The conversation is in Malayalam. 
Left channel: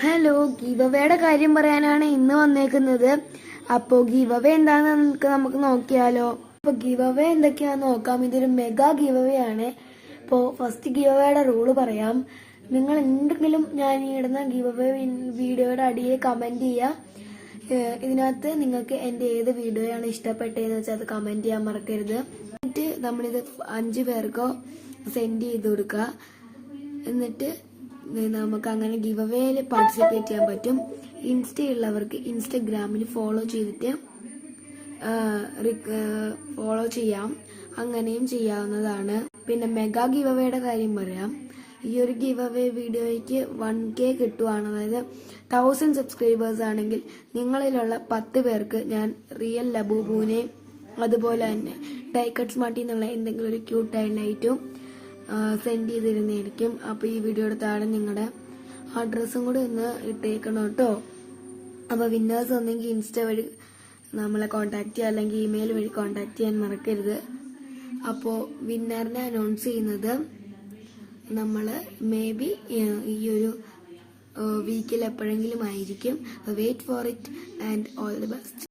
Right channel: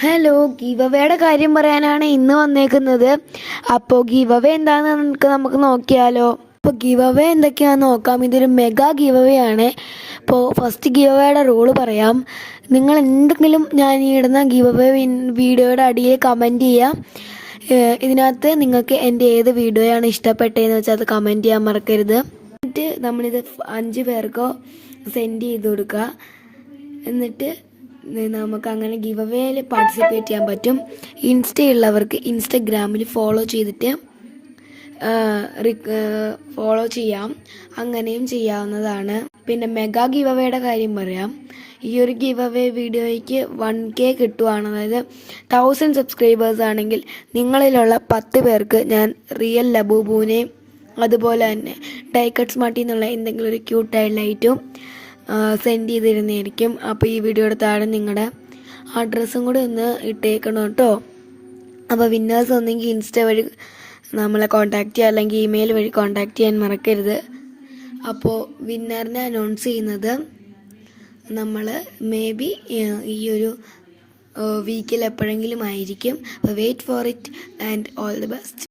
ഹലോ, ഗീവ് അവയുടെ കാര്യം പറയാനാണ് ഇന്ന് വന്നേക്കുന്നത്. അപ്പോൾ ഗീവ് അവേ എന്താണെന്ന് നമുക്ക് നോക്കിയാലോ. അപ്പോൾ ഗീവ് അവേ എന്തൊക്കെയാണെന്ന് നോക്കാം. ഇതൊരു മെഗാ ഗീവ് അവേ ആണ്. അപ്പോൾ ഫസ്റ്റ് ഗീവ് അവയുടെ റൂള് പറയാം. നിങ്ങൾ എന്തെങ്കിലും ഞാൻ ഈ ഇടുന്ന ഗീവ് അവേ വീഡിയോയുടെ അടിയിൽ കമൻറ്റ് ചെയ്യുക. ഇതിനകത്ത് നിങ്ങൾക്ക് എൻ്റെ ഏത് വീഡിയോയാണ് ഇഷ്ടപ്പെട്ടതെന്ന് വെച്ചാൽ അത് കമൻറ്റ് ചെയ്യാൻ മറക്കരുത്. എന്നിട്ട് നമ്മളിത് 5 പേർക്കോ സെൻഡ് ചെയ്ത് കൊടുക്കുക. എന്നിട്ട് നമുക്ക് അങ്ങനെ ഗിവ് അവേയിൽ പാർട്ടിസിപ്പേറ്റ് ചെയ്യാൻ പറ്റും. ഇൻസ്റ്റയുള്ളവർക്ക് ഇൻസ്റ്റഗ്രാമിൽ ഫോളോ ചെയ്തിട്ട് ഫോളോ ചെയ്യാം. അങ്ങനെയും ചെയ്യാവുന്നതാണ്. പിന്നെ മെഗാ ഗിവ് അവേയുടെ കാര്യം പറയാം. ഈ ഒരു ഗിവ് അവേ വീഡിയോയ്ക്ക് 1K കിട്ടുവാണ്. അതായത് 1000 സബ്സ്ക്രൈബേഴ്സ് ആണെങ്കിൽ നിങ്ങളിലുള്ള 10 പേർക്ക് ഞാൻ റിയൽ ലബൂബുവിനെയും അതുപോലെ തന്നെ ഡൈക്കട്ട് സ്മാർട്ടിൽ നിന്നുള്ള എന്തെങ്കിലും ഒരു ക്യൂട്ടായ ലൈറ്റും സെൻഡ് ചെയ്തിരുന്നതായിരിക്കും. അപ്പോൾ ഈ വീഡിയോയുടെ താഴെ നിങ്ങളുടെ അഡ്രസ്സും കൂടി ഒന്ന് ഇട്ടേക്കണം കേട്ടോ. അപ്പോൾ വിന്നേഴ്സ് ഒന്നെങ്കിൽ ഇൻസ്റ്റ വഴി നമ്മളെ കോൺടാക്റ്റ് ചെയ്യുക, അല്ലെങ്കിൽ ഇമെയിൽ വഴി കോൺടാക്റ്റ് ചെയ്യാൻ മറക്കരുത്. അപ്പോൾ വിന്നറിനെ അനൗൺസ് ചെയ്യുന്നത് നമ്മൾ മേ ബി ഈ ഒരു വീക്കിൽ എപ്പോഴെങ്കിലും ആയിരിക്കും. അപ്പോൾ wait for it and all the best.